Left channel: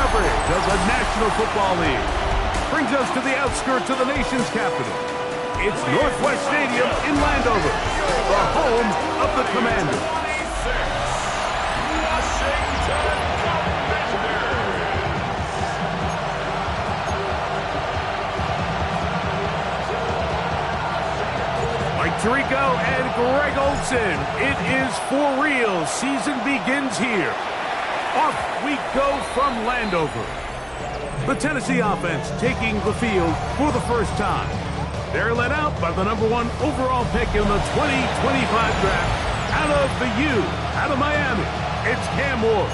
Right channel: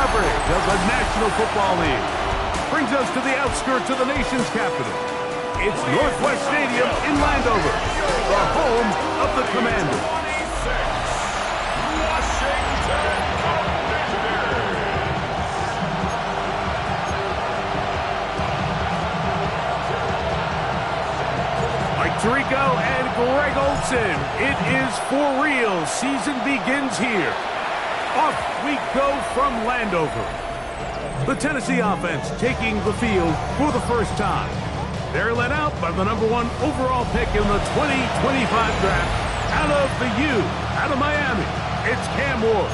coverage of the National Football League. Brings us to the outskirts of the nation's capital. It's Northwest Stadium in Landover, the home of the Commanders. 26, Washington Commanders. Mike Tirico and Greg Olson. It is for real. Season begins here. Off we go from Landover. The Tennessee offense taking the field for the first time. They're led out by the #1 overall pick in the 2025 draft out of the U, out of Miami. It's Cam Ward.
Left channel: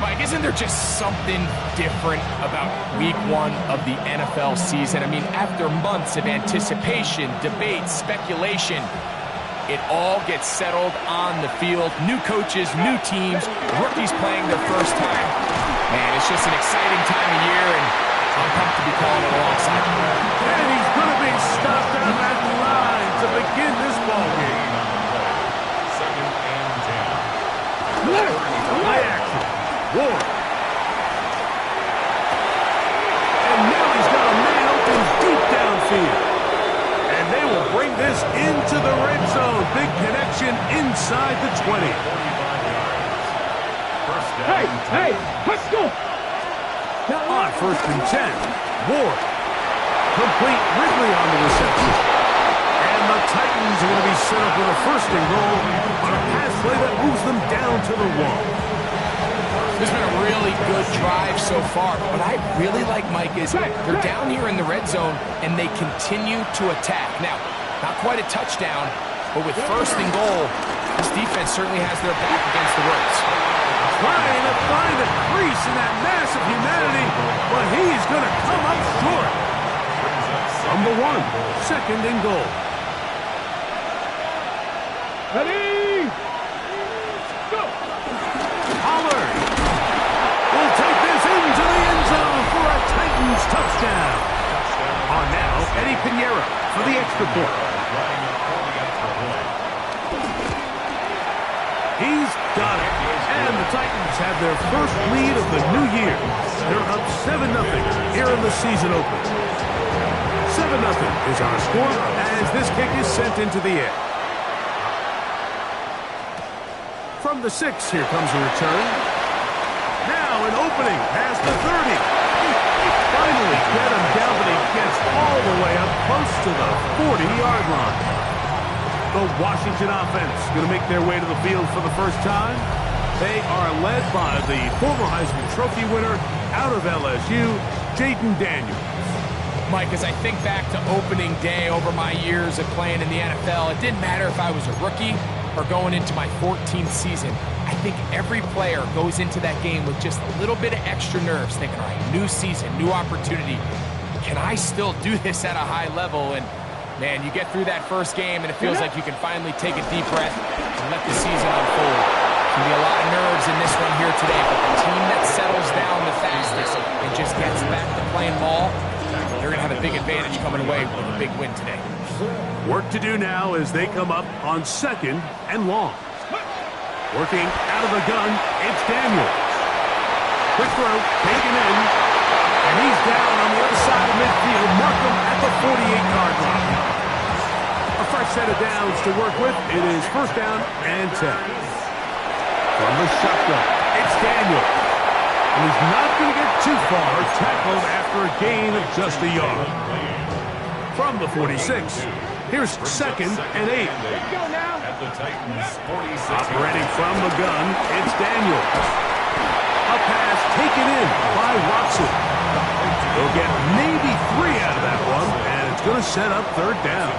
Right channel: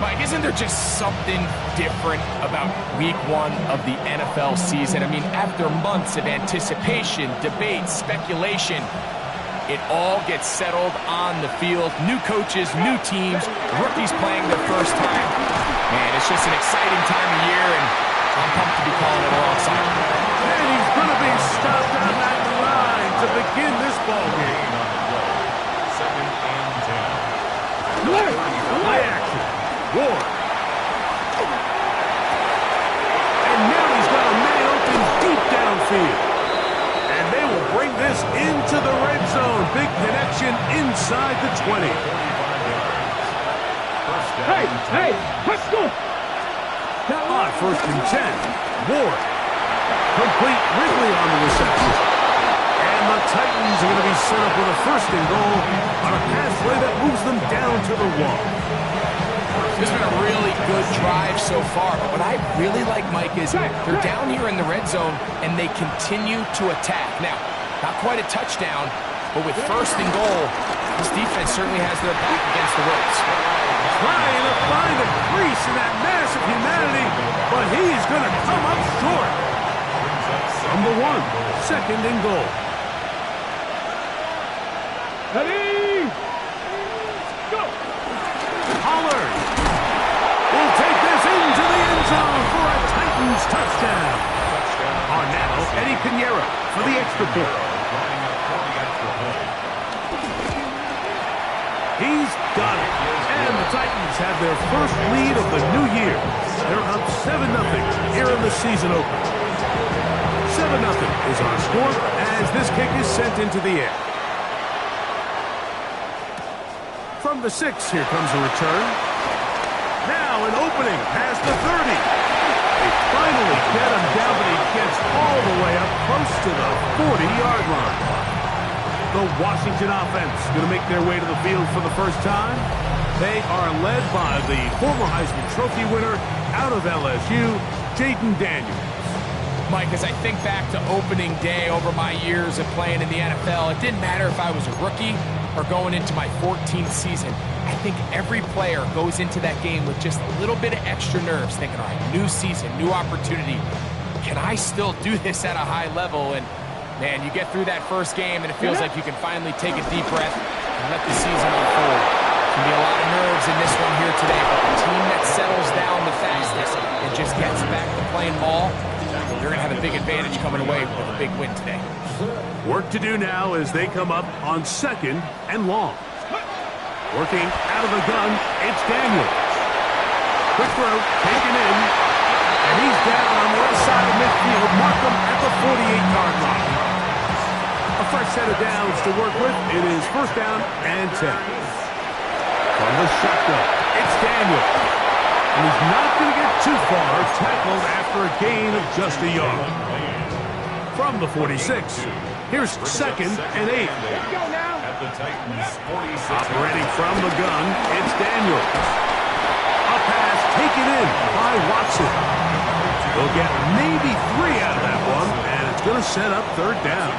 Mike, isn't there just something different about week 1 of the NFL season? I mean, after months of anticipation, debate, speculation, it all gets settled on the field. New coaches, new teams, rookies playing their first time. Man, it's just an exciting time of year, and I'm pumped to be calling it alongside you. And he's going to be stopped on that line to begin this ball game. Second and 10. Play action. Ward. And now he's got a man open deep downfield. And they will bring this into the red zone. Big connection inside the 20. 45 yards. First down. Hey, let's go. On first and 10, Ward. Complete Ridley on the reception. And the Titans are going to be set up with a first and goal on a pass play that moves them down to the 1. This has been a really good drive so far, but what I really like, Mike, is they're down here in the red zone, and they continue to attack. Now, not quite a touchdown, but with first and goal, this defense certainly has their back against the ropes. Trying to find a crease in that mass of humanity, but he's going to come up short. #1, second and goal. Ready? Go. Pollard will take this into the end zone for a Titans touchdown. On now, Eddie Pinheiro for the extra point. He's got it. And the Titans have their first lead of the new year. They're up 7-0 here in the season opener. 7-0 is our score as this kick is sent into the air. From the 6, here comes a return. Now an opening past the 30. They finally get him down, but he gets all the way up close to the 40-yard line. The Washington offense going to make their way to the field for the first time. They are led by the former Heisman Trophy winner out of LSU, Jaden Daniels. Mike, as I think back to opening day over my years of playing in the NFL, it didn't matter if I was a rookie or going into my 14th season. I think every player goes into that game with just a little bit of extra nerves, thinking, all right, new season, new opportunity. Can I still do this at a high level? And, man, you get through that first game, and it feels like you can finally take a deep breath and let the season unfold. Can be a lot of nerves in this one here today, but the team that settles down the fastest and just gets back to playing ball, they're going to have a big advantage coming away with a big win today. Work to do now as they come up on second and long. Working out of the gun, it's Daniels. Quick throw, taken in, and he's down on the other side of midfield. Mark him at the 48-yard line. A fresh set of downs to work with. It is first down and 10. From the shotgun, it's Daniels. And he's not going to get too far, tackled after a gain of just a yard. From the 46, here's second and 8. Let's go now. At the Titans 46. Operating from the gun, it's Daniels. A pass taken in by Watson. They'll get maybe 3 out of that one, and it's going to set up third down.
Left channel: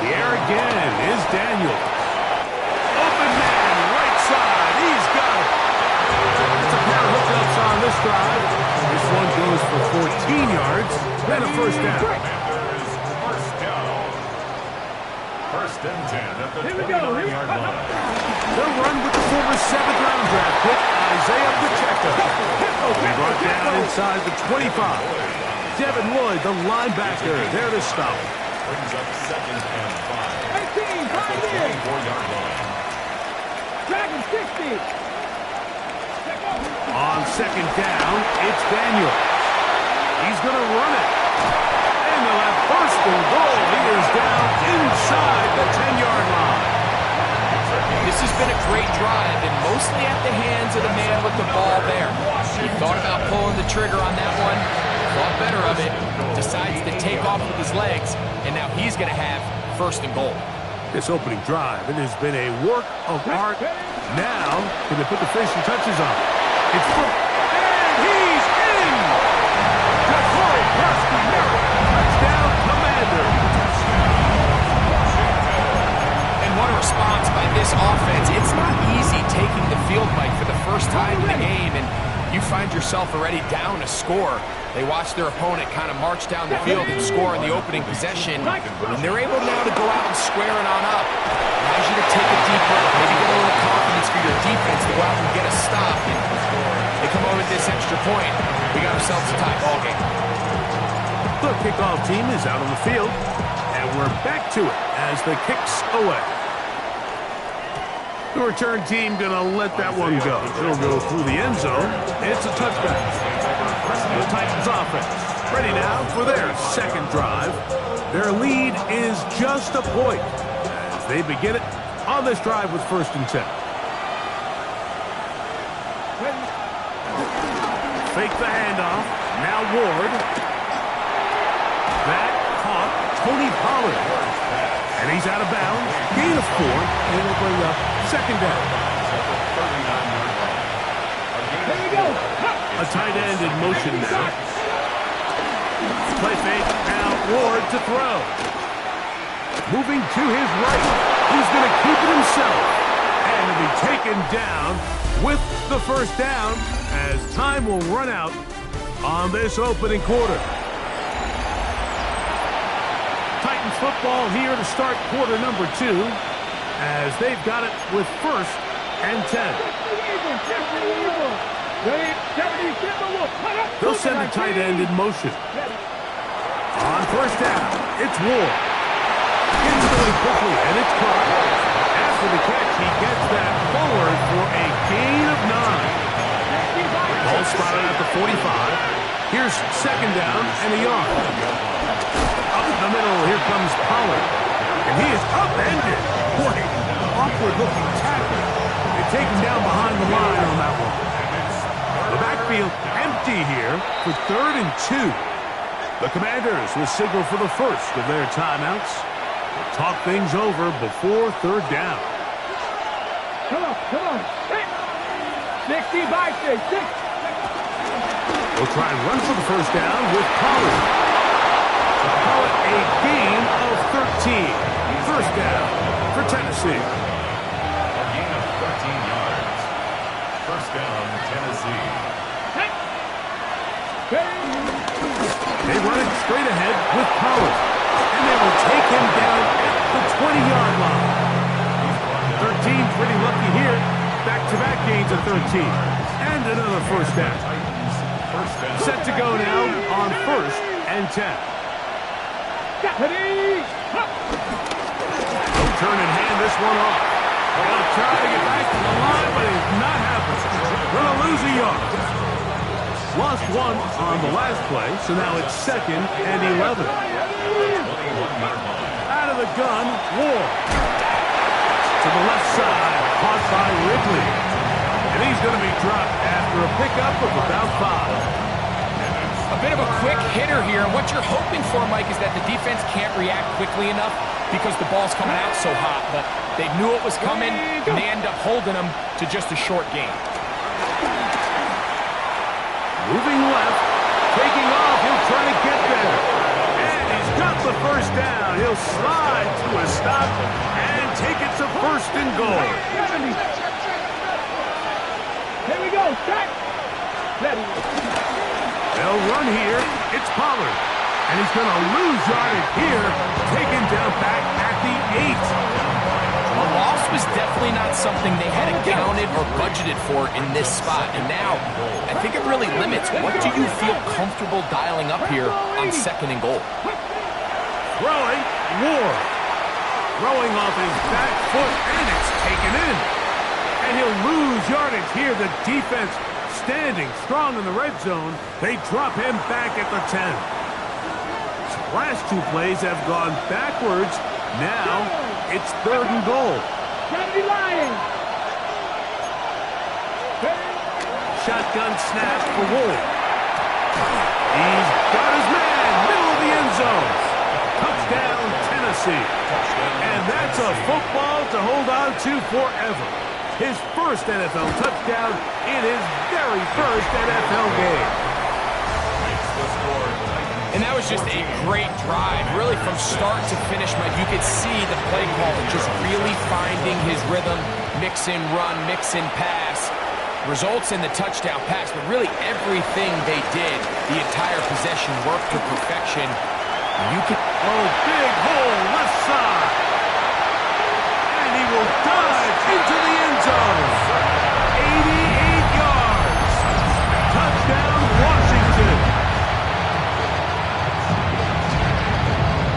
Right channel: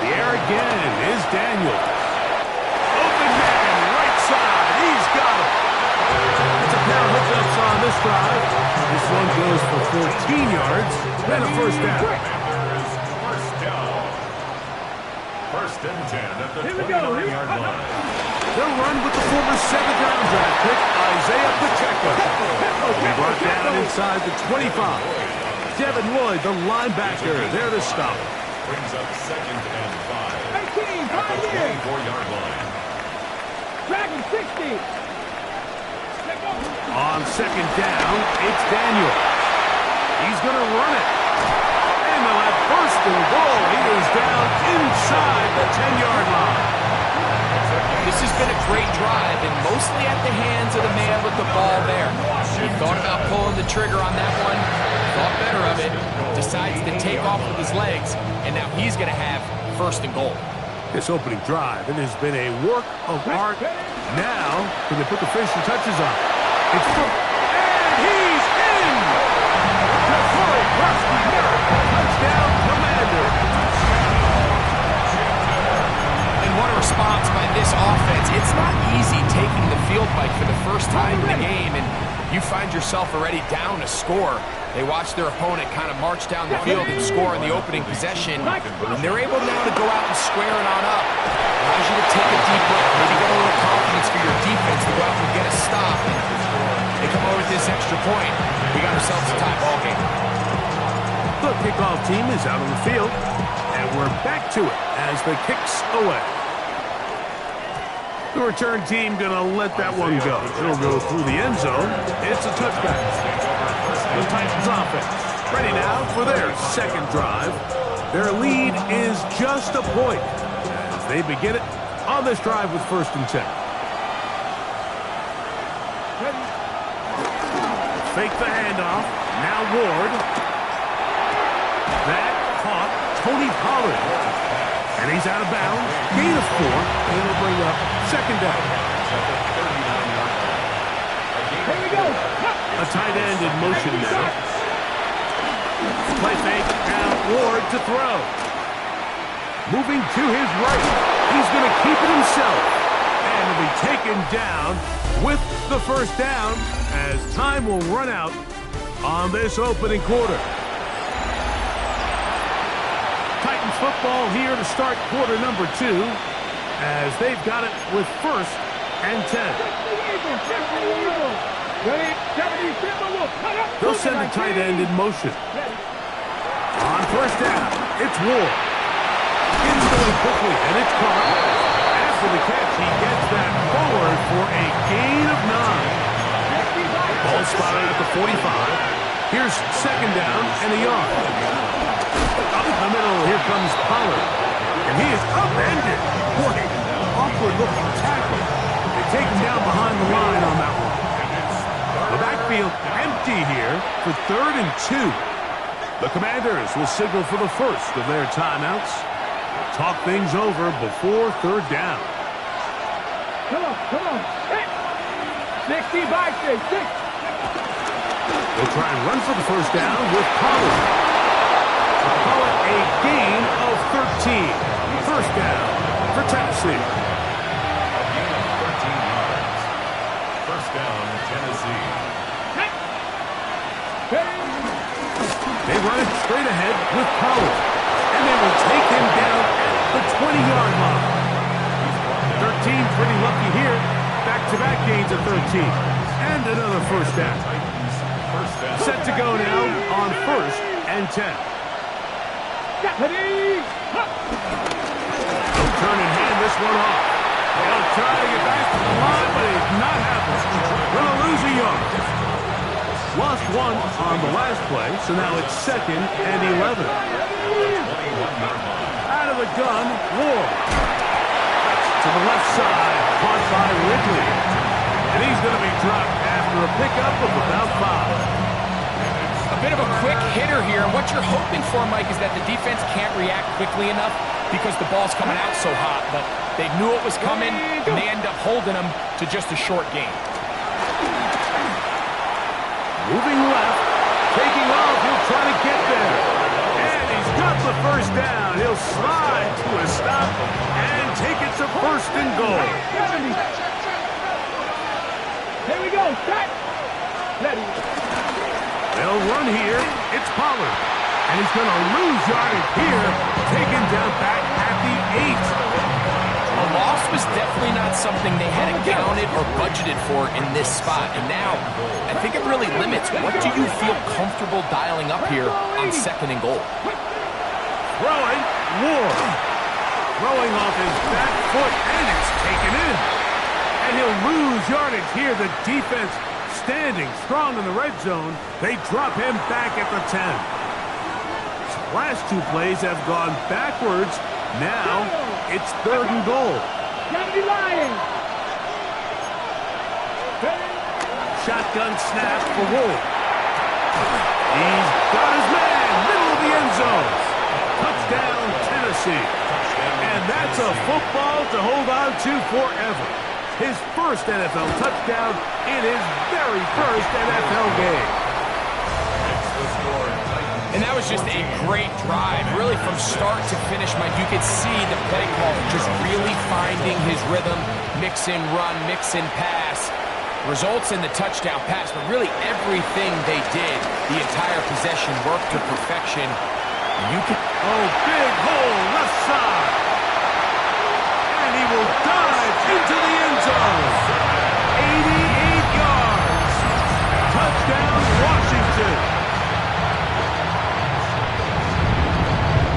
The air again is Daniels. Open man, right side. He's got it. It's a pair of hookups on this drive. This one goes for 14 yards, then a first down. First down. First and 10 at the 29-yard line. They'll run with the former 7th-round draft pick, Isaiah Pacheco. He brought down inside the 25. Devin Lloyd, the linebacker, there to stop it. Brings up second and 5. 18, At the 5 in. 24-yard line. Dragon 60. On second down, it's Daniels. He's going to run it. And they'll have first and goal. He is down inside the 10-yard line. This has been a great drive, and mostly at the hands of the man with the ball there. He thought about pulling the trigger on that one, thought better of it, decides to take off with his legs, and now he's going to have first and goal. This opening drive, it has been a work of art. Now, can they put the finishing touches on? It's and he's in! Touchdown, Commander! And what a response by this offense. It's not easy taking the field, Mike, for the first time in the game, and you find yourself already down a score. They watch their opponent kind of march down the field and score in the opening possession, and they're able now to go out and square it on up. Allows you to take a deep breath, maybe get a little confidence for your defense to go out and get a stop, and they come over with this extra point. We got ourselves a tie ball game. The kickoff team is out on the field, and we're back to it as the kick's away. The return team going to let that one go. It'll go through the end zone. It's a touchback. The Titans offense ready now for their second drive. Their lead is just a point as they begin it on this drive with first and 10. Fake the handoff. Now Ward. That caught Tony Pollard. And he's out of bounds. Gain of 4. And it'll bring up second down. Here we go. A tight end in motion now. Play fake. Now Ward to throw. Moving to his right. He's going to keep it himself. And he'll be taken down with the first down as time will run out on this opening quarter. Titans football here to start quarter number 2 as they've got it with first and 10. They'll send a tight end in motion. On first down, it's Ward. Gets going quickly, and it's caught. After the catch, he gets that forward for a gain of 9. Ball spotted at the 45. Here's second down and a yard. Up the middle, here comes Pollard. And he is upended. Boy, awkward-looking tackle. They take him down behind the line on that one. The backfield empty here for third and 2. The Commanders will signal for the first of their timeouts. They'll talk things over before third down. Come on. 60 by 6. They'll try and run for the first down with Pollard. Call it a gain of 13. First down for Tennessee. A gain of 13 yards. First down, Tennessee. They run it straight ahead with Pollard. And they will take him down at the 20-yard line. 13 pretty lucky here. Back-to-back gains of 13. And another first down. Set to go now on first and 10. They'll turn and hand this one off. They'll try to get back to the line, but it's not happening. Going to lose a yard. Lost one on the last play, so now it's second and 11. Out of the gun, Ward. To the left side, caught by Ridley. And he's going to be dropped after a pickup of about 5. A bit of a quick hitter here, and what you're hoping for, Mike, is that the defense can't react quickly enough because the ball's coming out so hot, but they knew it was coming, and they end up holding them to just a short gain. Moving left, taking off, he'll try to get there. And he's got the first down. He'll slide to a stop and take it to first and goal. Here we go, set. Ready. They'll run here. It's Pollard. And he's going to lose yardage here. Taken down back at the 8. A loss was definitely not something they had accounted or budgeted for in this spot. And now, I think it really limits. What do you feel comfortable dialing up here on second and goal? Throwing, Ward. Throwing off his back foot, and it's taken in. And he'll lose yardage here. The defense standing strong in the red zone. They drop him back at the 10. Last two plays have gone backwards. Now it's 3rd and goal. Shotgun snap for Ward. He's got his man, middle of the end zone. Touchdown, Tennessee. And that's a football to hold on to forever. His first NFL touchdown in his very first NFL game. And that was just a great drive, really from start to finish, Mike. You could see the play call just really finding his rhythm, mix in run, mix in pass. Results in the touchdown pass, but really everything they did, the entire possession worked to perfection. You can... Oh, big hole, left side. And he will dive into the end zone. 88 yards. Touchdown, Washington.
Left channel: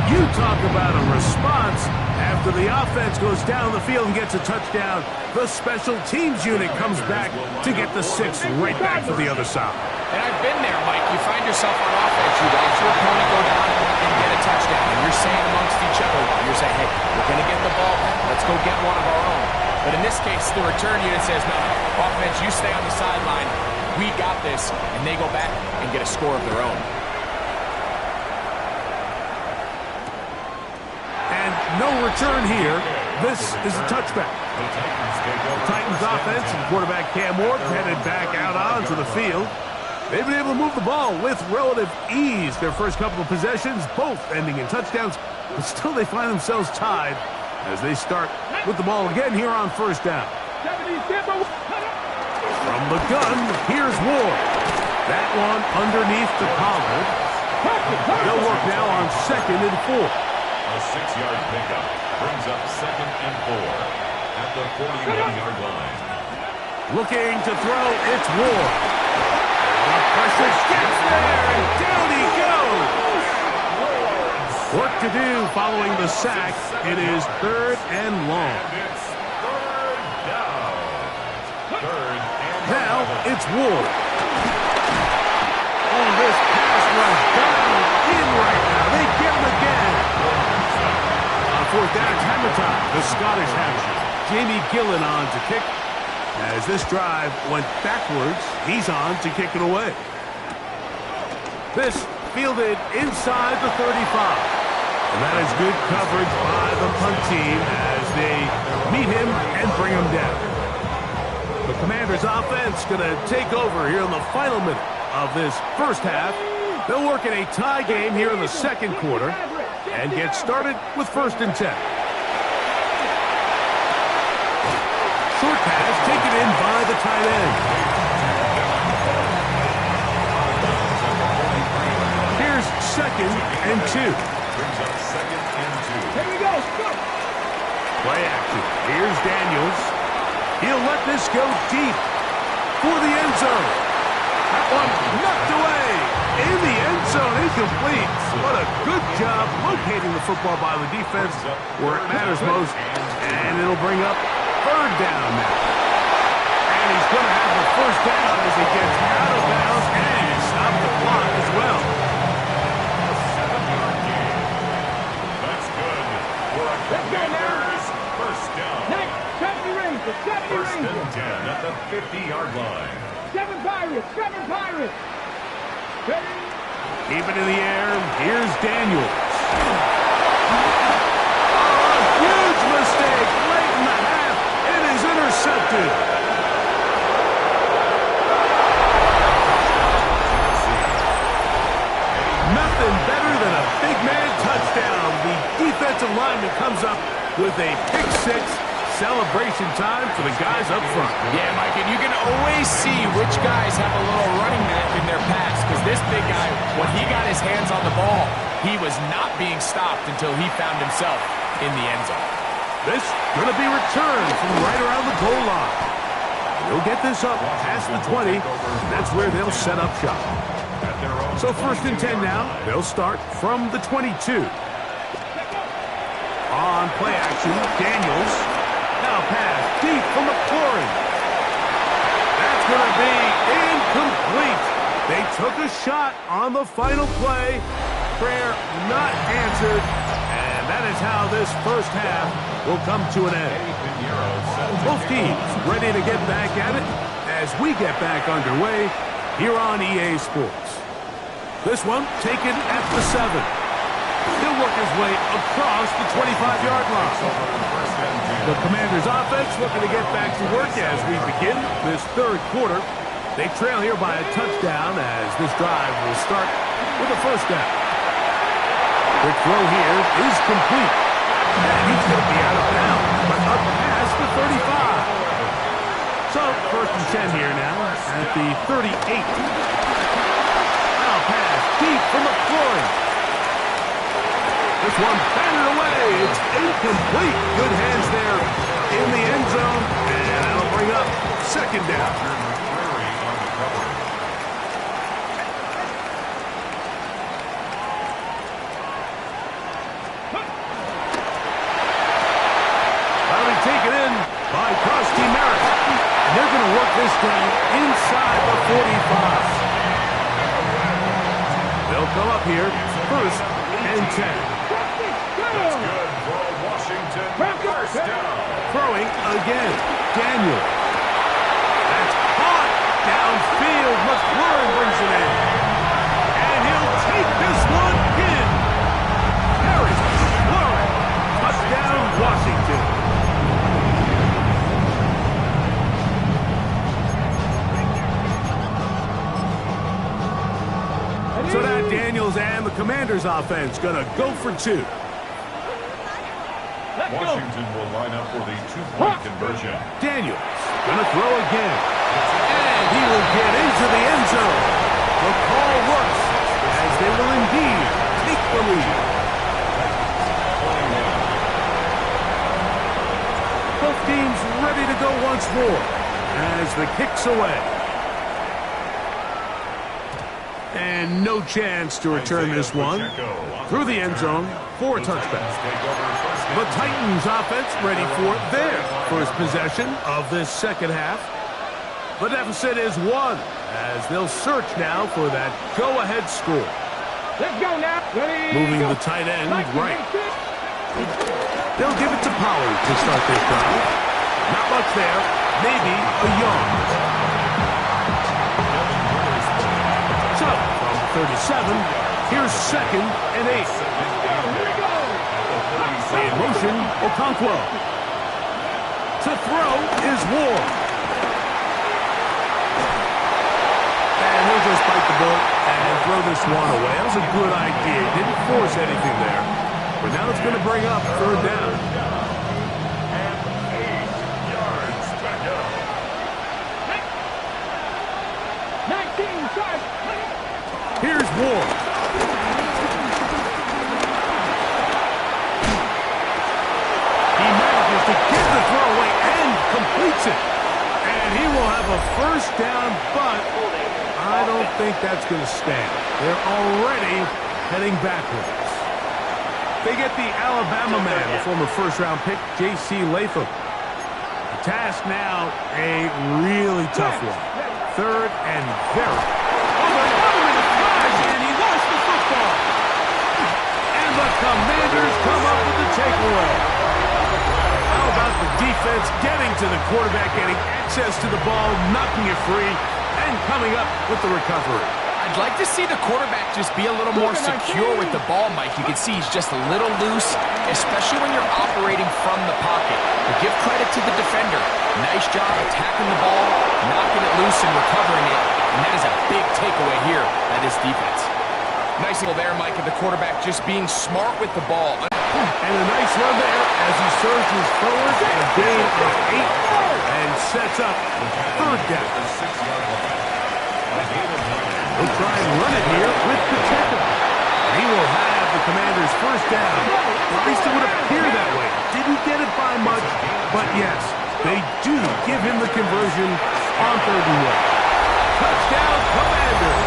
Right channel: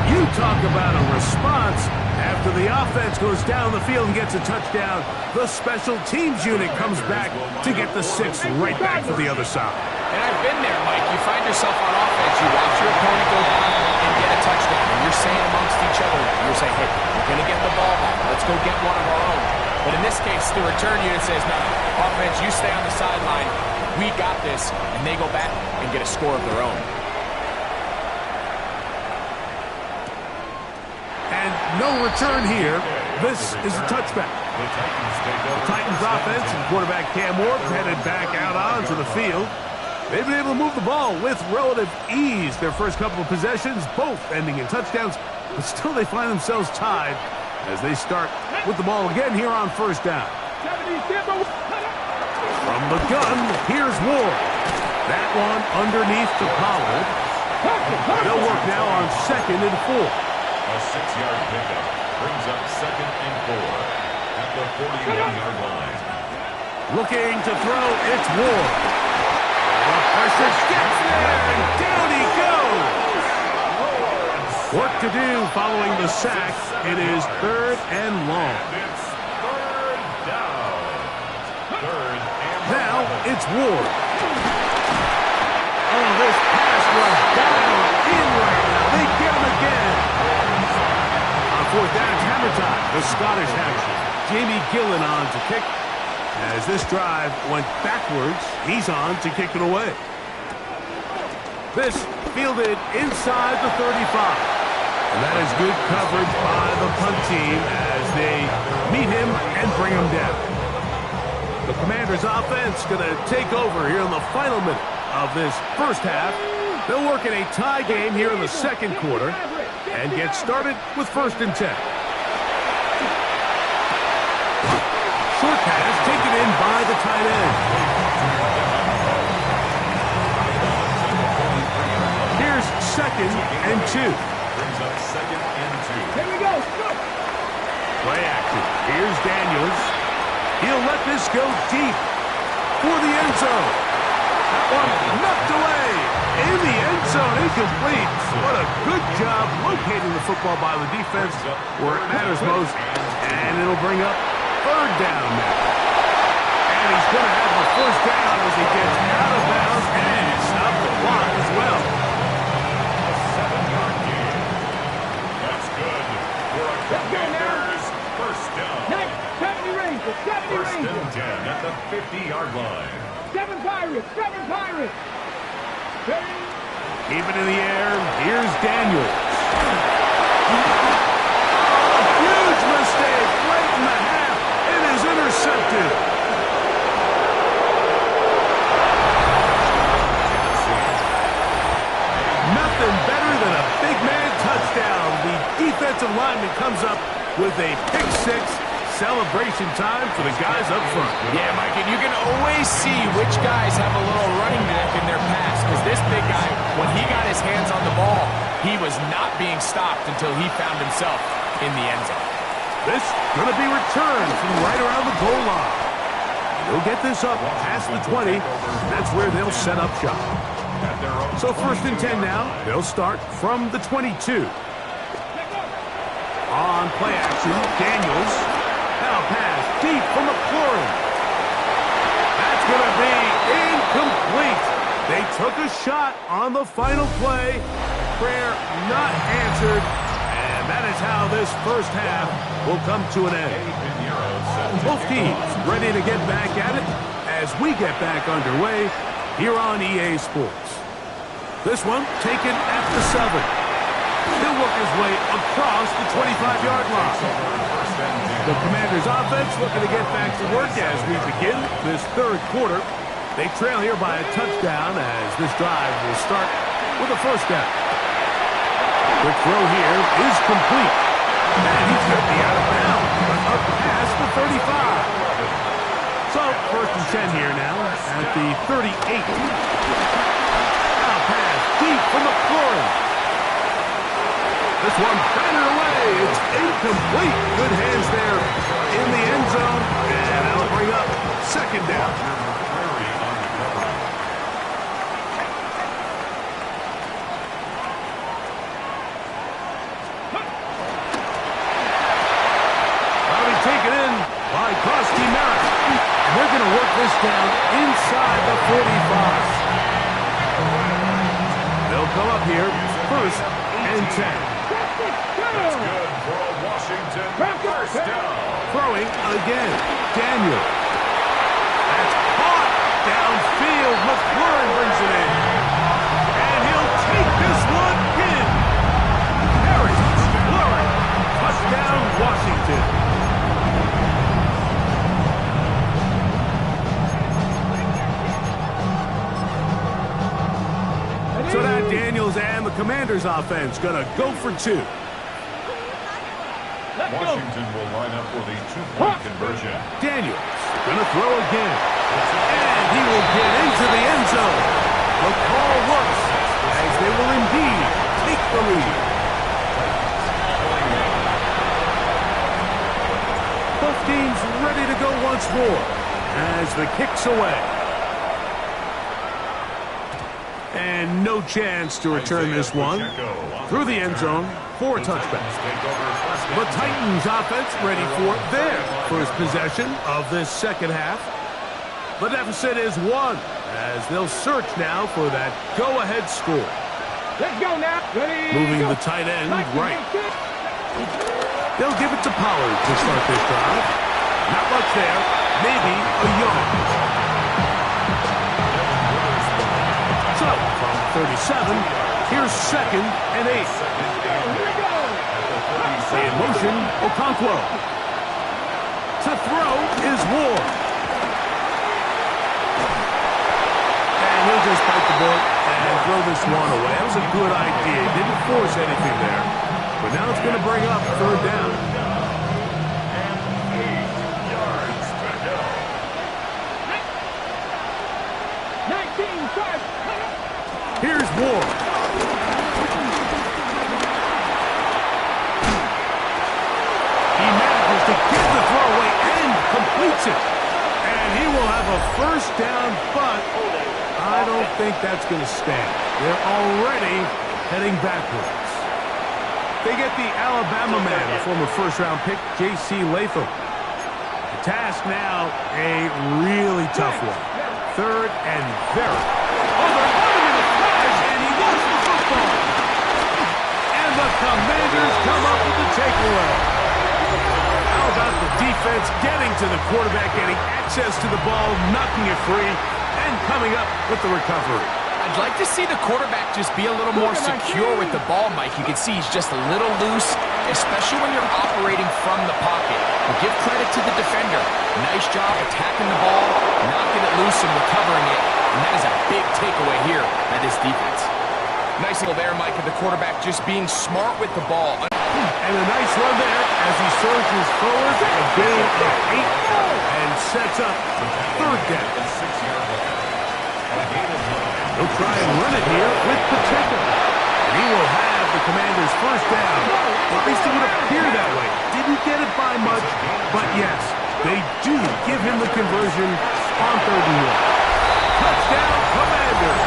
You talk about a response. After the offense goes down the field and gets a touchdown, the special teams unit comes back to get the 6 right back for the other side. And I've been there, Mike. You find yourself on offense, you watch your opponent go down and get a touchdown, and you're saying amongst each other, you're saying, hey, we're going to get the ball back. Let's go get one of our own. But in this case, the return unit says, no, offense, you stay on the sideline. We got this. And they go back and get a score of their own. And no return here. This is a touchback. The Titans offense and quarterback Cam Ward headed back out onto the field. They've been able to move the ball with relative ease. Their first couple of possessions, both ending in touchdowns, but still they find themselves tied as they start with the ball again here on first down. From the gun, here's Ward. That one underneath to Pollard. They'll work now on 2nd and 4. A 6-yard pickup brings up 2nd and 4 at the 41-yard line. Looking to throw, it's Ward. The pressure gets there, and down he goes. Work to do following the sack. It is 3rd and long. And it's 3rd down. 3rd and Now it's Ward. Oh, this pass rush down in right now. They get him again. On 4th down, it's hammer time. The Scottish hammer. Jamie Gillen on to kick. As this drive went backwards, he's on to kick it away. This fielded inside the 35. And that is good coverage by the punt team as they meet him and bring him down. The Commanders' offense going to take over here in the final minute of this first half. They'll work in a tie game here in the second quarter and get started with 1st and 10. Short pass taken in by the tight end. Here's 2nd and 2. brings up 2nd and 2. Here we go. Go. Play action. Here's Daniels. He'll let this go deep for the end zone. That one knocked away in the end zone, incomplete. What a good job locating the football by the defense where it matters most. And it'll bring up 3rd down now. And he's going to have the 1st down as he gets out of bounds and stop the clock as well. A 7-yard gain. That's good for a Commanders 1st down. 70 Rangers, 70 1st Rangers. and 10 at the 50-yard line. 7 Pirates, 7 Pirates. Keep it in the air. Here's Daniels. Oh, huge mistake late in the half. It is intercepted. Nothing better than a big man touchdown. The defensive lineman comes up with a pick six. Celebration time for the guys up front. Yeah, Mike, and you can always see which guys have a little running back in their pass, because this big guy, when he got his hands on the ball, he was not being stopped until he found himself in the end zone. This going to be returned from right around the goal line. They'll get this up past the 20. That's where they'll set up shop. So 1st and 10 now. They'll start from the 22. On play action, Daniels. Now pass deep for McLaurin. That That's going to be incomplete. They took a shot on the final play. Prayer not answered. And that is how this first half will come to an end. Both teams ready to get back at it as we get back underway here on EA Sports. This one taken at the 7. He'll work his way across the 25-yard line. The Commanders' offense looking to get back to work as we begin this third quarter. They trail here by a touchdown as this drive will start with a first down. Quick throw here is complete. And he's going to be out of bounds, but up past the 35. So, first and 10 here now at the 38. Now pass deep from McLaurin. This one batted away. It's incomplete. Good hands there in the end zone. And that'll bring up second down. That'll be taken in by Krusty Merritt. And they're going to work this down inside the 45. They'll come up here first and 10. That's good for a Washington first down. Throwing again. Daniel. That's caught downfield. McLaurin brings it in. And he'll take this one in. Harry McLaurin. Touchdown, Washington. So that Daniels and the Commanders offense going to go for 2. Washington will line up for the 2-point conversion. Daniels going to throw again. And he will get into the end zone. The call works as they will indeed take the lead. Both teams ready to go once more as the kick's away. And no chance to return this one through the end zone for a touchback. The Titans offense ready for their first possession of this second half. The deficit is 1 as they'll search now for that go-ahead score. Let's go now. Ready, moving go. the tight end right. They'll give it to Pollard to start this drive. Not much there. Maybe a yard. So, from 37, here's second and 8. In motion, Okonkwo. To throw is Ward. And he'll just bite the bullet and throw this one away. That was a good idea. He didn't force anything there. But now it's going to bring up third down. And 8 yards to go. 19, start. Here's Ward. He manages to get the throw away and completes it. And he will have a first down, but I don't think that's going to stand. They're already heading backwards. They get the Alabama man, the former first-round pick, J.C. Latham. The task now, a really tough one. Third and very. Oh, they're on him in a flash, and he lost the football. And the Commanders come up with the takeaway. How about the defense getting to the quarterback, getting access to the ball, knocking it free, and coming up with the recovery? I'd like to see the quarterback just be a little more secure with the ball, Mike. You can see he's just a little loose, especially when you're operating from the pocket. But give credit to the defender. Nice job attacking the ball, knocking it loose and recovering it. And that is a big takeaway here by this defense. Nice goal there, Mike, and the quarterback just being smart with the ball. And a nice run there as he surges forward, a gain of 8, and sets up third down. He'll try and run it here with Pacheco. And he will have the Commanders' first down. At least it would appear that way. Didn't get it by much, but yes, they do give him the conversion on 3rd and 1. Touchdown, Commanders.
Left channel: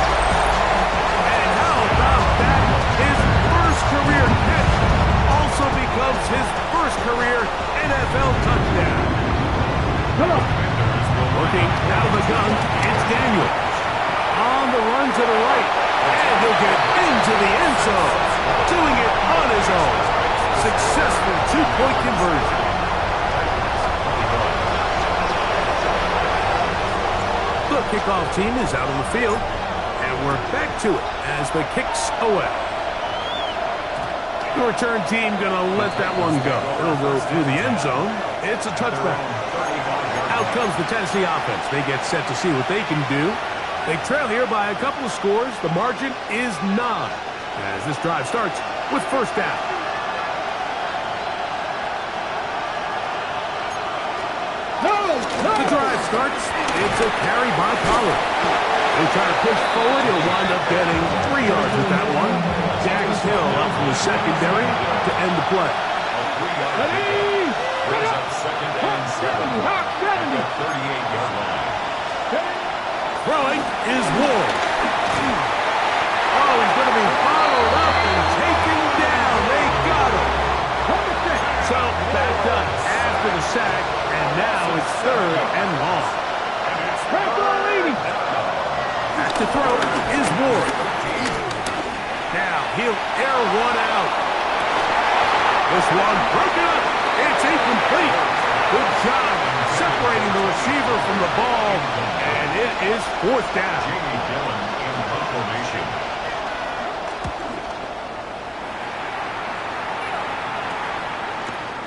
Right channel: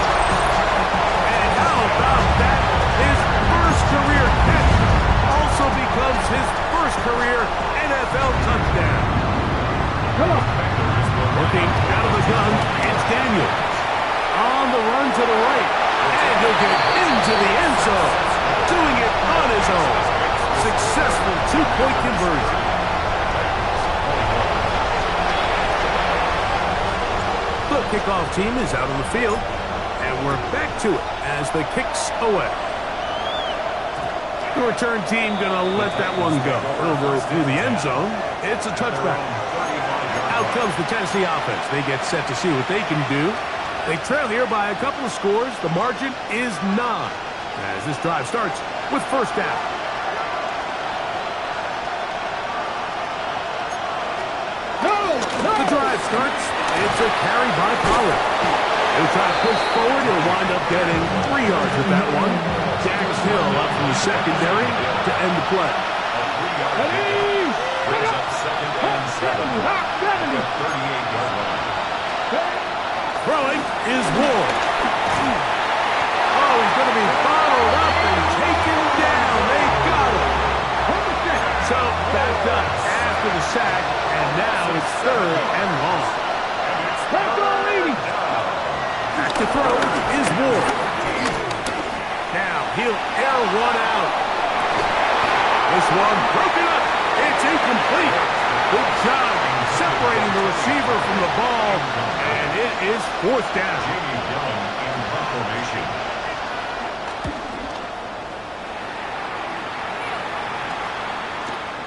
And how about that? His first career catch also becomes his first career NFL touchdown. Commanders will Working out of the gun, it's Daniels. On the run to the right. And he'll get into the end zone. Doing it on his own. Successful two-point conversion. The kickoff team is out on the field. And we're back to it as the kick's away. The return team going to let that one go. It'll go through the end zone. It's a touchback. Out comes the Tennessee offense. They get set to see what they can do. They trail here by a couple of scores. The margin is 9 as this drive starts with first down. The drive starts. It's a carry by Pollard. He'll try to push forward. He'll wind up getting 3 yards with that one. Dax Hill up from the secondary to end the play. Brings up second and 7 at the 38-yard line. Throwing is Ward. Oh, he's going to be followed up and taken down. They got him. So backed up after the sack, and now it's 3rd and long. Back to throw is Ward. Now he'll air one out. This one broken up. It's incomplete. Good job separating the receiver from the ball, and it is 4th down. Jamie Dillon in punt formation.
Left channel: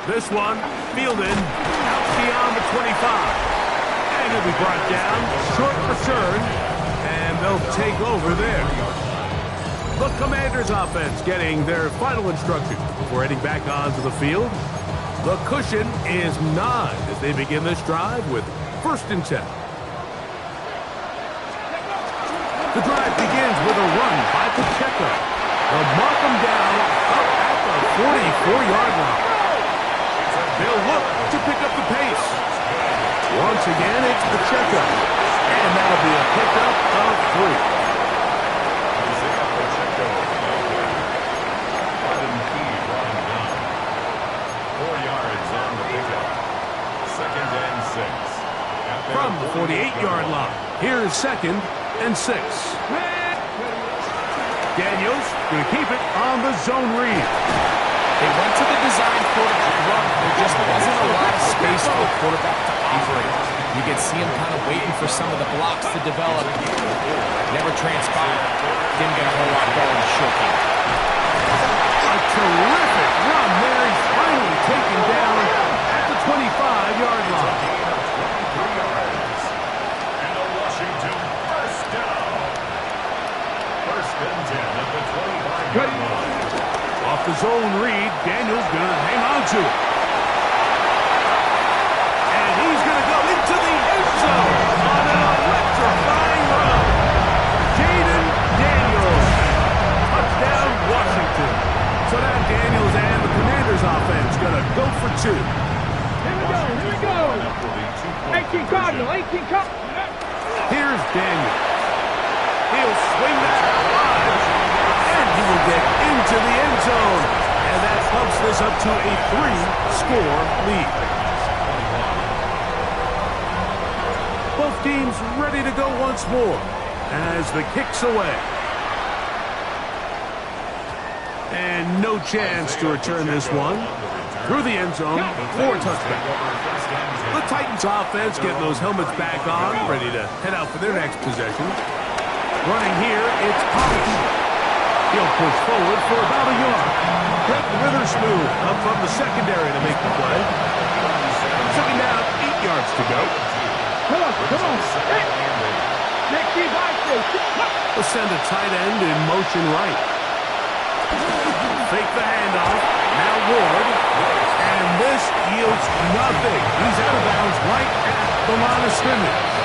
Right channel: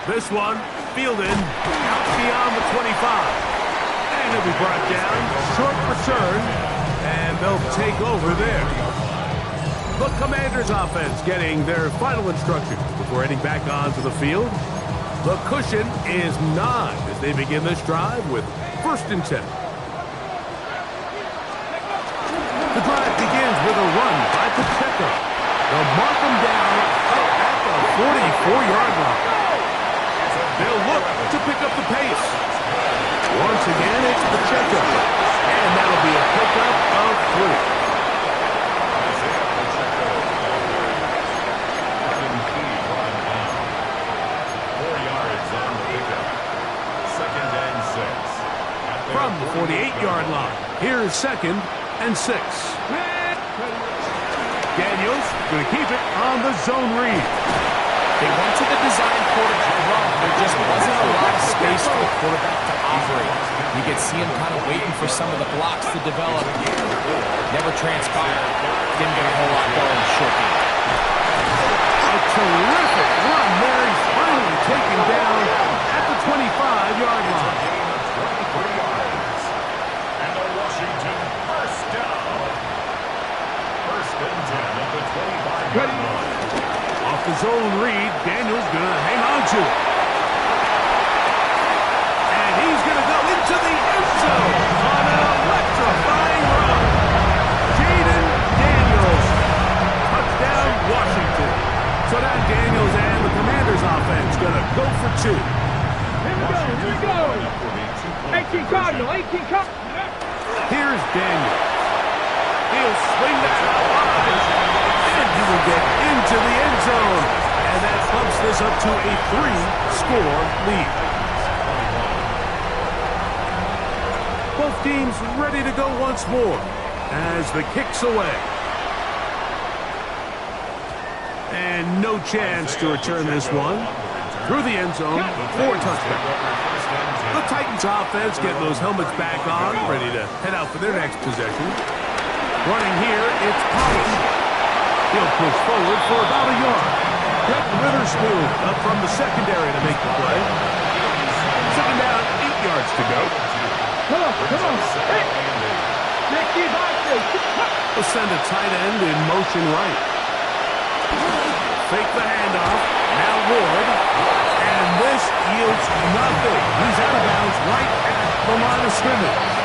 This one fielded out beyond the 25. And he'll be brought down. Short return, and they'll take over there. The Commanders offense getting their final instructions before heading back onto the field. The cushion is 9 as they begin this drive with 1st and 10. The drive begins with a run by Pacheco. They'll mark him down up at the 44-yard line. They'll look to pick up the pace. Once again, it's Pacheco. And that'll be a pickup of 3. Second and 6. From the 48-yard line, here is 2nd and 6. Daniels going to keep it on the zone read. They went to the design quarterback run. There just wasn't a lot of space for the quarterback to operate. You could see him kind of waiting for some of the blocks to develop. Never transpired. Didn't get a whole lot going short game. A terrific run there. He's finally taken down at the 25-yard line. Gain of 23 yards. And a Washington first down. 1st and 10 at the 25-yard line. Off the zone read, Daniels going to hang on to it. And he's going to go into the end zone on an electrifying run. Jaden Daniels. Touchdown, Washington. So now Daniels and the Commanders offense going to go for 2. Here we go. 18 Cardinal, 18 Cardinal. Here's Daniels. He'll swing that out wide. And he will get into the end zone. And that bumps this up to a 3-score lead. Both teams ready to go once more as the kick's away. And no chance to return this one. Through the end zone for a touchback. The Titans offense getting those helmets back on, ready to head out for their next possession. Running here, it's Pollard. He'll push forward for about a yard. Brett Witherspoon up from the secondary to make the play. 2nd down, 8 yards to go. Come on. Hey. We'll send a tight end in motion right. Fake the handoff. Now Ward. And this yields nothing. He's out of bounds right at the line of scrimmage.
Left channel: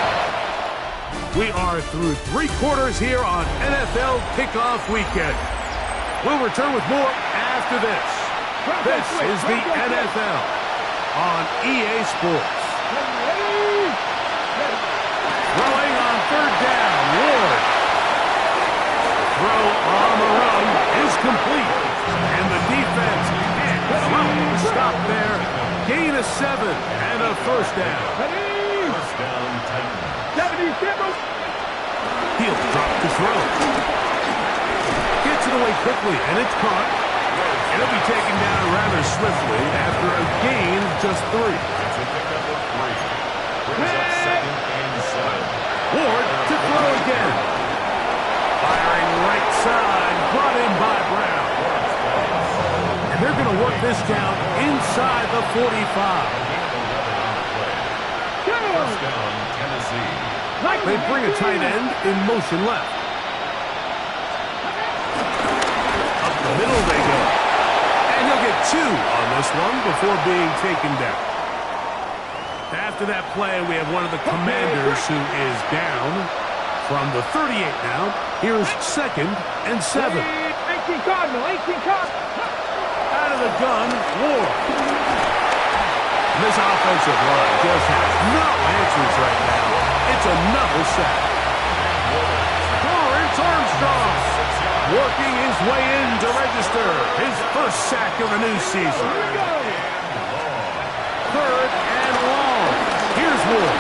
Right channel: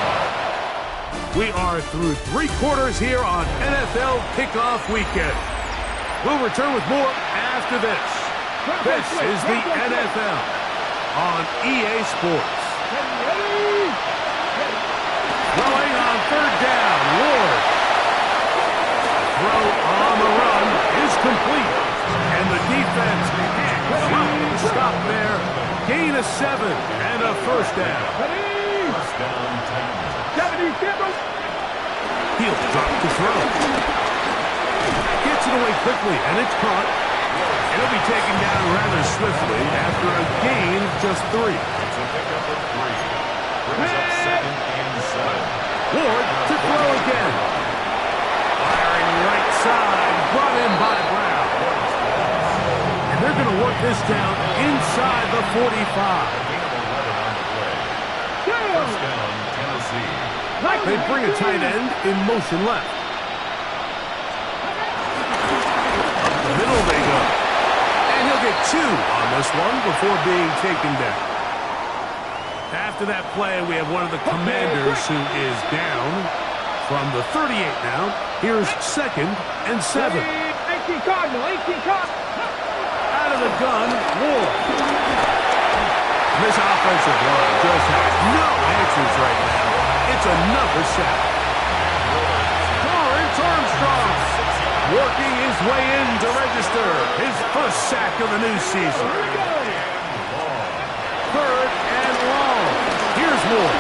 We are through 3 quarters here on NFL Kickoff Weekend. We'll return with more after this. This is the NFL on EA Sports. Throwing on 3rd down, Ward. Throw on the run is complete. And the defense can't stop there. Gain of 7 and a 1st down. down, Titans. 70, Campbell. He'll drop to throw. Gets it away quickly, and it's caught. It'll be taken down rather swiftly after a gain of just 3. It's a pickup of 3. Brings up 2nd and 7. Ward to throw again. Firing right side, brought in by Brown. And they're going to work this down inside the 45. A gain of 11 on the play. First down, Tennessee. They bring a tight end in motion left. Up the middle they go. And he'll get 2 on this one before being taken down. After that play, we have one of the Commanders who is down. From the 38 now, here's 2nd and 7. 18 Cardinal, 18 Cardinal. Out of the gun, Ward. This offensive line just has no answers right now. It's another sack. Lawrence Armstrong working his way in to register his first sack of the new season. 3rd and long. Here's Ward.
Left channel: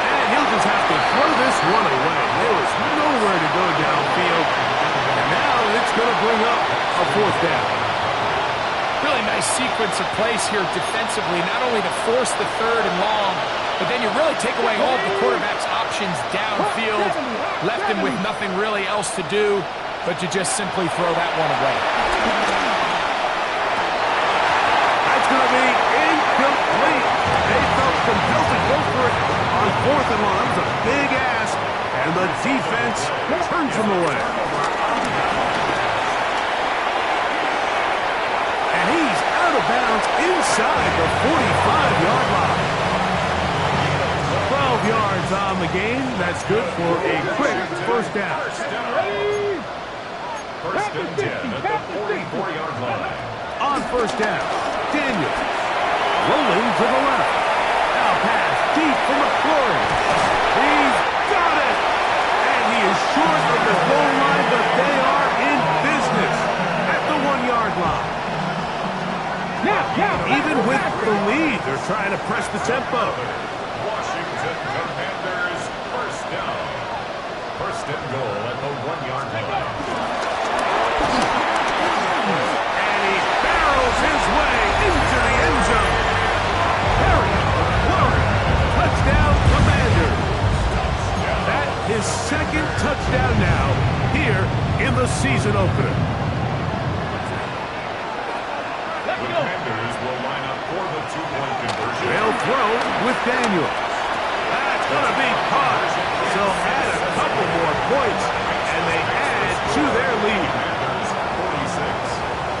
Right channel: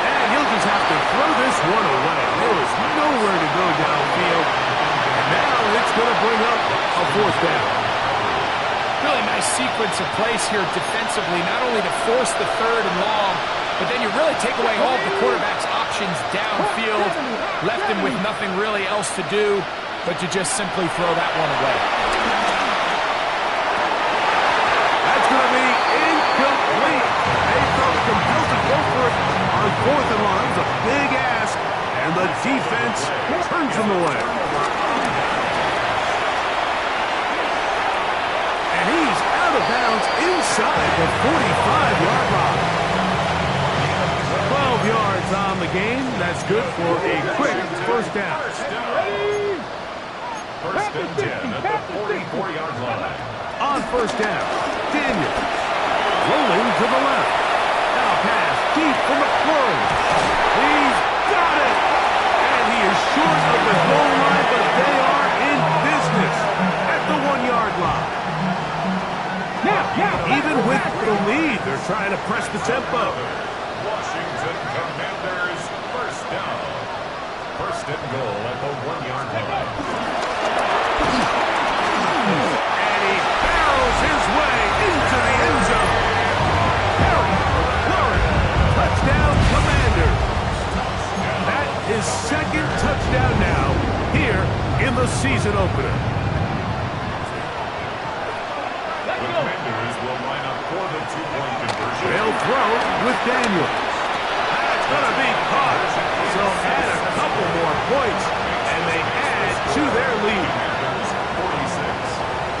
And he'll just have to throw this one away. There was nowhere to go downfield. And now it's going to bring up a 4th down. Really nice sequence of plays here defensively, not only to force the 3rd and long, but then you really take away all of the quarterback's options downfield, left him with nothing really else to do but to just simply throw that one away. That's going to be incomplete. They felt compelled to go for it on 4th and long. That was a big ask, and the defense turns them away. And he's out of bounds inside the 45-yard line. 12 yards on the game. That's good for a quick first down. First and 10 at the 44-yard line. On first down, Daniels rolling to the left. Now pass deep for McLaurin. He's got it. And he is short of the goal line, but they are in business at the 1-yard line. Even with the lead, they're trying to press the tempo. Washington Commanders first down. First and goal at the 1-yard line. And he barrels his way into the end zone. Harry McLaurin, touchdown Commanders. That is 2nd touchdown now here in the season opener. The Commanders will line up for the 2-point conversion. They'll throw with Daniels. That's going to be caught. So add a couple more points, and they add to their lead. Commanders 46,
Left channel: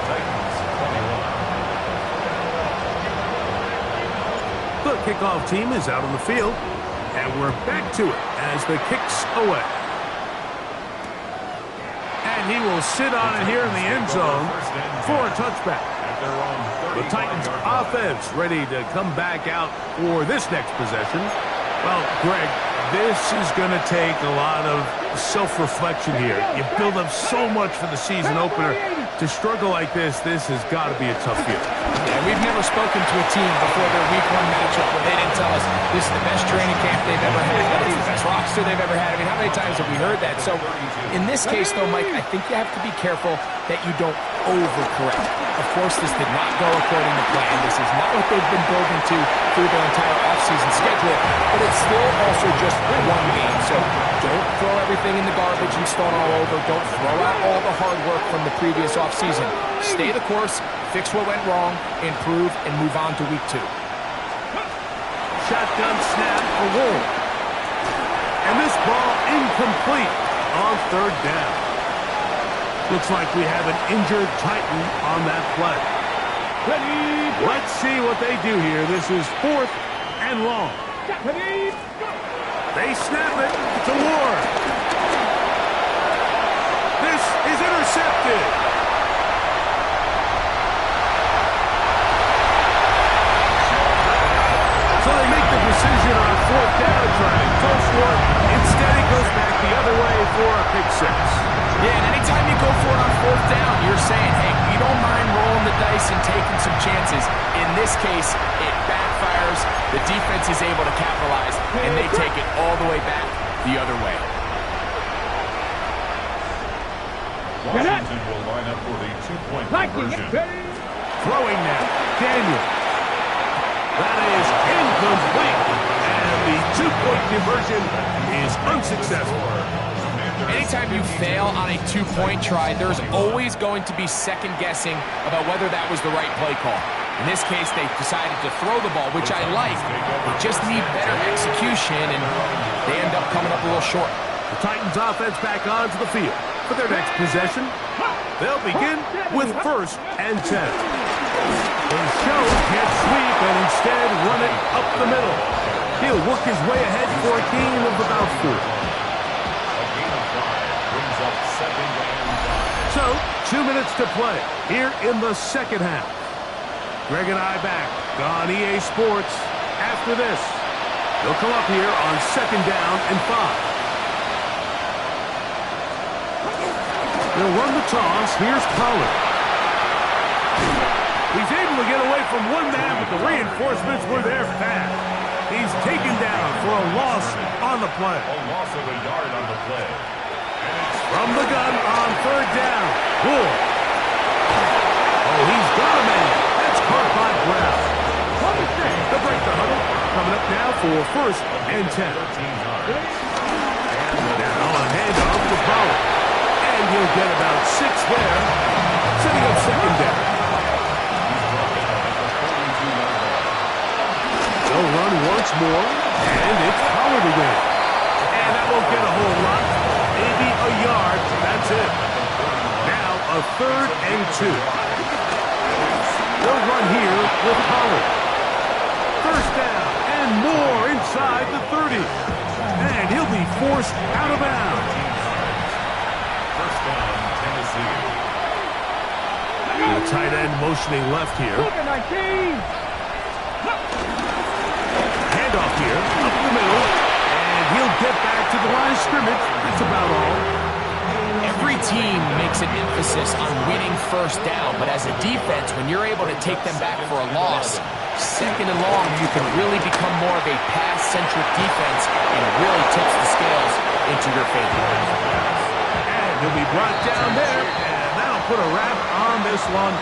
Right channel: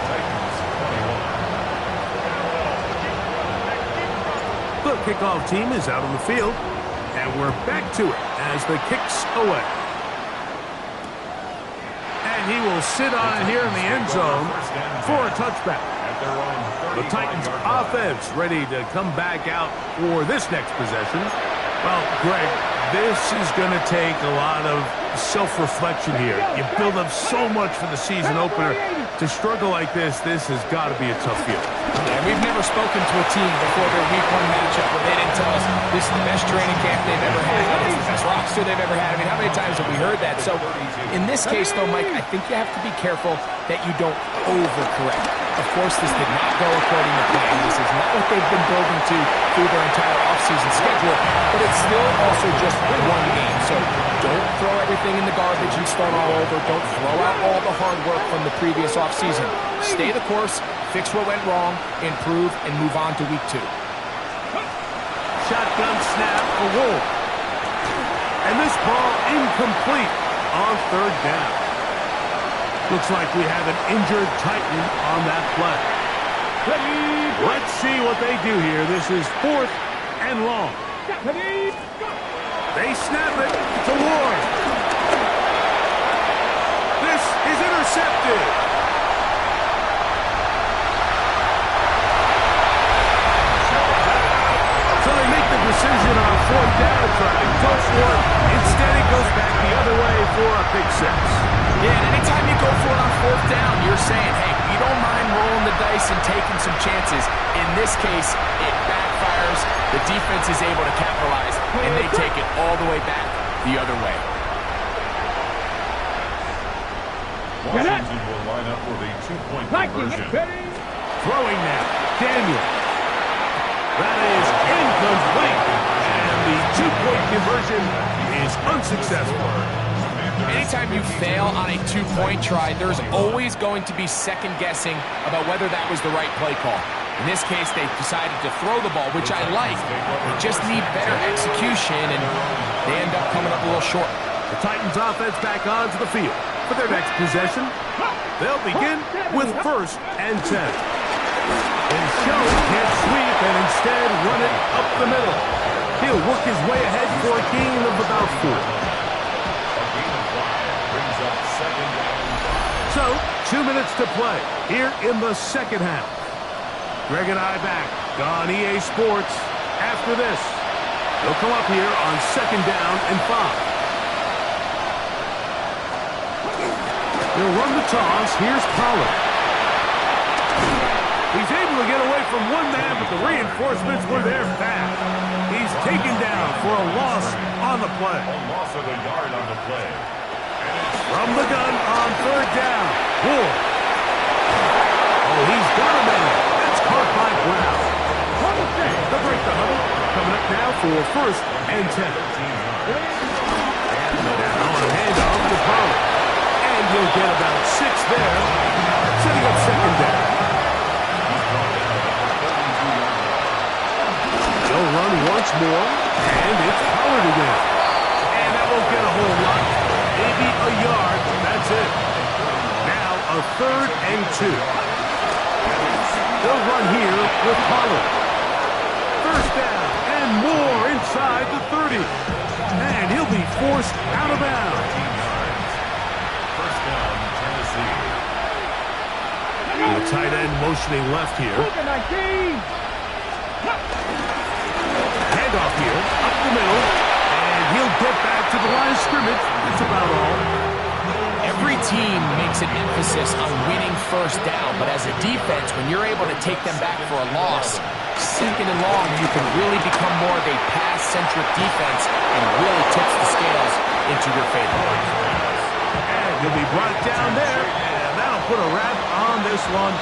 Titans 21. The kickoff team is out on the field, and we're back to it as the kick's away. And he will sit on it here in the end zone for a touchback. The Titans offense ready to come back out for this next possession. Well, Greg, this is going to take a lot of self-reflection here. You build up so much for the season opener. To struggle like this has got to be a tough field. Yeah, we've never spoken to a team before their week 1 matchup where they didn't tell us this is the best training camp they've ever had, it's the best roster they've ever had. I mean, how many times have we heard that? So in this case, though, Mike, I think you have to be careful that you don't overcorrect. Of course, this did not go according to plan. This is not what they've been building to through their entire offseason schedule, but it's still also just one game. So don't throw everything in the garbage and start all over. Don't throw out all the hard work from the previous offseason. Stay the course, fix what went wrong, improve, and move on to week 2. Shotgun snap for Ward. And this ball incomplete on 3rd down. Looks like we have an injured Titan on that play. Let's see what they do here. This is 4th and long. They snap it to Ward. This is intercepted. So they make the decision on 4th down to try to go for it. Instead, it goes back the other way for a pick 6. Yeah, and anytime you go for it on 4th down, you're saying, hey, we don't mind rolling the dice and taking some chances. In this case, it backfires. The defense is able to capitalize, and they take it all the way back the other way. Washington will line up for the 2-point conversion. Throwing now. Daniel. That is incomplete. And the 2-point conversion is unsuccessful. Anytime you fail on a 2-point try, there's always going to be second guessing about whether that was the right play call. In this case, they decided to throw the ball, which I like. They just need better execution, and they end up coming up a little short. The Titans offense back onto the field. For their next possession, they'll begin with 1st and 10. They show can't sweep and instead run it up the middle. He'll work his way ahead for a gain of about 4. A gain of 5 brings up 2nd and 5. So, 2 minutes to play here in the second half. Greg and I back on EA Sports after this. They'll come up here on 2nd down and 5. They'll run the toss. Here's Pollard. He's able to get away from one man, but the reinforcements were there fast. He's taken down for a loss on the play. A loss of a yard on the play. From the gun on 3rd down. Ward. Oh, he's got a man. That's caught by Brown. They'll break the huddle. Coming up now for 1st and 10. And now a handoff to Pollard. And he'll get about 6 there, setting up 2nd down. He's brought down at the 42-yard line. They'll run once more, and it's Pollard again. And that won't get a whole lot. Maybe a yard. That's it. Now a 3rd and 2. They'll run here with Pollard. 1st down and more inside the 30. And he'll be forced out of bounds. 1st down, Tennessee. The tight end motioning left here. Handoff here, up the middle, and he'll get back to the line of scrimmage. That's about all. Every team makes an emphasis on winning 1st down, but as a defense, when you're able to take them back for a loss, 2nd and long, you can really become more of a pass-centric defense and really tips the scales into your favor. And he'll be brought down there, and that'll put a wrap on this one.